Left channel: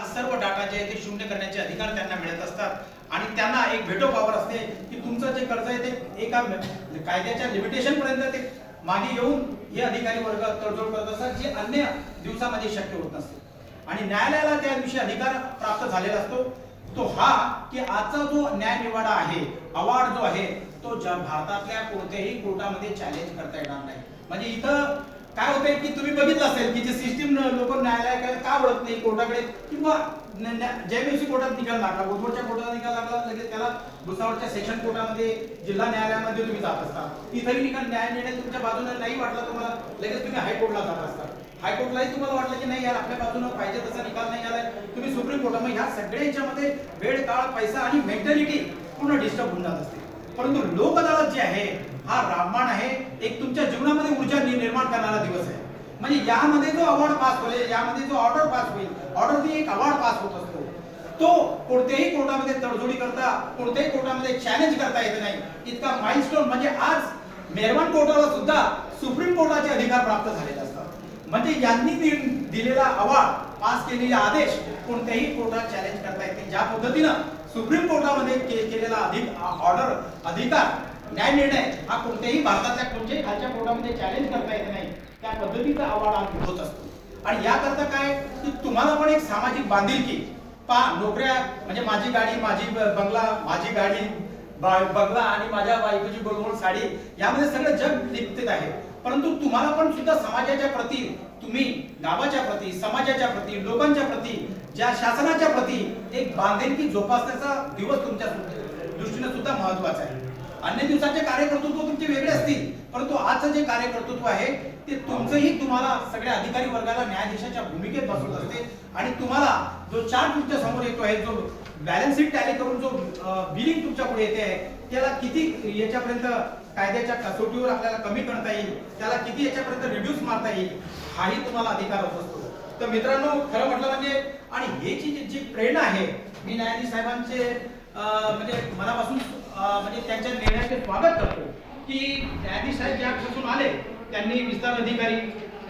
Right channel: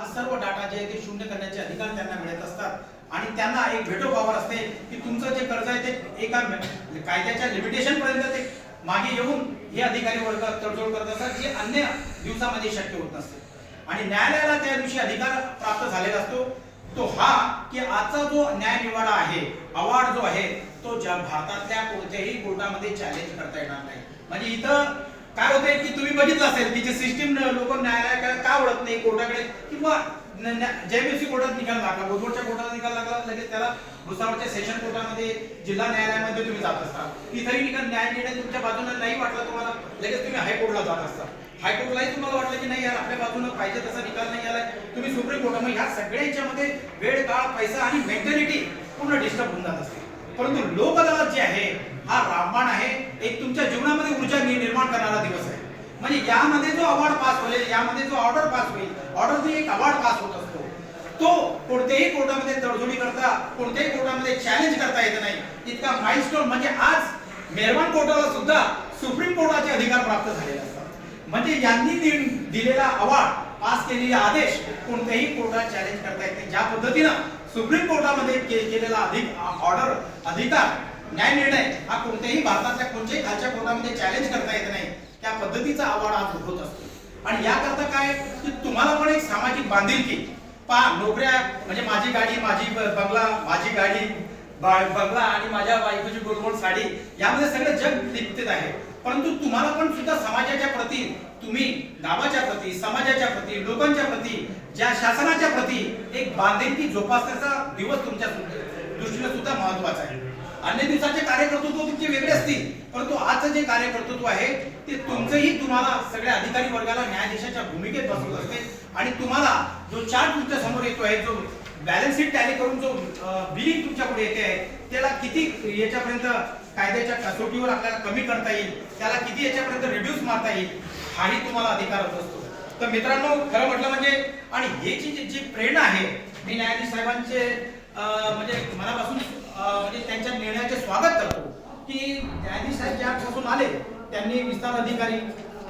हा सर्व डाटा जे आहे ते शून्य करण्याचे अधिकार त्यांना मिळत असतात आणि त्यांना एक व्हेटो पॉवर असते की तुमचं जे कर्ज आहे ते एका कायद्याच्या लिमिटेशन पर्यंत ते मागे येऊन हे अधिकारी वर्ग तडजोड करत असतात जे अन्य दिवसामध्ये शक्य होत नसते आणि न्यायालयाला त्या दिवशी अधिकार प्राप्त झालेला असतो तो हा की आजचा जो न्यायनिवाडा आहे अवॉर्ड जो आहे तो भारतातल्या कोणत्याही कोर्टामध्ये चॅलेंज करता येणार नाही। म्हणजे इथं काय होतंय की तुम्ही बघितलं असेल की जी सिस्टीम लोक न्यायालयाकडे का वळत नाही कोर्टाकडे किंवा जेएमएफसी कोर्टात निकाल लागला गोदवडच्या कोर्टात निकाल लागला लगेच त्याला भुसावळच्या सेशन कोर्टामध्ये जिल्हा न्यायालयामध्ये तुम्ही जात असता तिथेही निकाल न्याय निर्णय तुमच्या बाजूने नाही वाटला तुम्हाला लगेच तुम्ही हायकोर्टला जात असता हायकोर्टलाही तुम्हाला वाटलं की नाही यार आपल्या बाजूने पाहिजे तसा निकाल नाही आलाय तुम्ही सुप्रीम कोर्ट मग ह्या सगळ्यांच्यामध्ये वेळ काळ पैसा आणि मेंटॅलिटी पूर्ण डिस्टर्ब होऊन जात असते। परंतु लोक अदालत जे आहे हा रामबाण आहे एक तुमच्या जीवनामध्ये ऊर्जा निर्माण करणारा दिवस आहे। म्हणजे यामध्ये जो अवॉर्ड पास होईल यामध्ये जो ऑर्डर पास होईल ऑर्डर एक अवॉर्ड पास होत असतो तो कोणत्याही कोर्टामध्ये तडजोडी करता कोणत्याही कोर्टामध्ये चॅलेंज करता येत नाही इतका माइलस्टोन म्हणजे आज मेहरबान कोर्टाला सुद्धा सुप्रीम कोर्टाचे अधिकार प्राप्त झालेले असतात। म्हणजे यांनी दिलेला अवॉर्ड पास केलेले आदेश कोणत्याही कोर्टात चॅलेंज करता येते ज्या पद्धतीनं सुप्रीम कोर्टामध्ये केलेला ऑर्डर अधिकार न्याय निर्णय हा कोणत्याही भारतातल्या कोणत्याही खालच्या कोर्टामध्ये चॅलेंज करता येत नाही त्या पद्धतीचा अवॉर्ड आज होत असतो। आणि याकरता काय की तुम्हाला पण एक सामाजिक बांधिलकी नोकऱ्या म्हणजे माझी गाडी माझी बंगला माझी गाडी बंगला आणि माझ्या बायकोची गोलमोल साडी यामध्ये सगळं जग लिप्त आहे परंतु तुम्हाला पण सुद्धा समाजाच्या प्रती तुम्ही गावाच्या प्रती समाजाच्या प्रती लोकांच्या प्रती ज्या शासनाच्या प्रती एक बांधिलकी जोपासण्याचा दिवस तुमच्या दृष्टीने सुद्धा महत्त्वाचा आहे। अन्य दिवसाचे कार्यकर्तृत्व तुमचे वेगळे असतील परंतु आजचं जे कार्यकर्तृत्व आहे ते तुमचंही तुम्हाला सगळ्या अधिकारी वर्गाला न्यायाधीशाच्या भूमिकेत बसवत असते आणि तुम्हाला जो चार्ट तुमच्या समोर येतो आहे जो बॅलन्स शीट टॅली करून जो बिलिंग तुमच्या पुढे येते आहे त्याला किती याच्यापर्यंत कायद्याच्या कसोटीवर आपल्याला कमी करता येईल त्याला किती याच्यापर्यंत रिड्यूस मारता येईल हाही तुम्हाला अधिकार होत असतो। तर मित्रांनो खरं म्हटलं म्हणजे आणि हे जी प्रेरणा आहे मी न्यायाधीश साहेबांचे म्हणजे मनापासून म्हणजे त्यांच्या निर्णयाचे स्वागत करतो की न्यायाधीश साहेब ज्यापासून आले त्यांनी विस्तार अधिकारी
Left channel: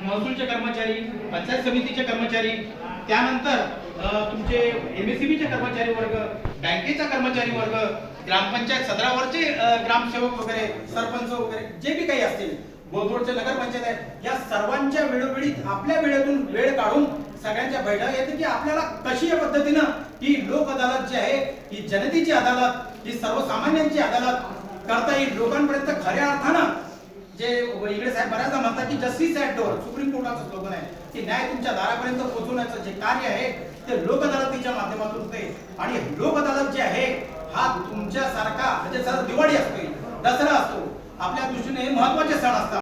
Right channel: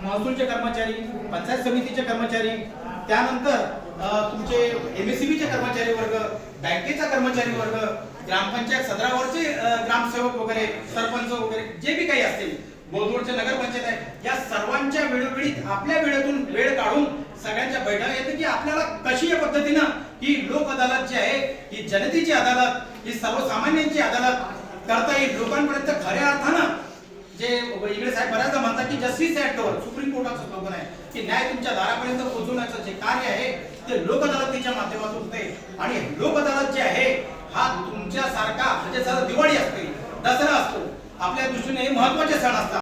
महसूलचे कर्मचारी पंचायत समितीचे कर्मचारी त्यानंतर तुमचे एमएससीबीचे कर्मचारी वर्ग बँकेचा कर्मचारी वर्ग ग्रामपंचायत सदरावरचे ग्रामसेवक वगैरे सरपंच वगैरे जे बी काही असतील गोलगोडचे नगरपंचायत आहे या सर्वांच्या वेळोवेळी आपल्या वेळेतून वेळ काढून सगळ्यांच्या बैठका येते की आपल्याला कशी या पद्धतीनं ही लोक अदालत जी आहे ही जनतेची अदालत ही सर्वसामान्यांची अदालत करता येईल लोकांपर्यंत खऱ्या अर्थानं जे इकडे साहेब बऱ्याचदा म्हणतात की जस्टिस ॲट डोअर सुप्रीम कोर्टाचं स्लोगन आहे की न्याय तुमच्या दारापर्यंत पोहोचवण्याचं जे कार्य आहे ते लोक अदालतीच्या माध्यमातून होते आणि लोक अदालत जे आहे हा तुमच्यासारखा म्हणजे जर दिवाळी असते दसरा असतो आपल्या दृष्टीने हे महत्त्वाचे सण असतात।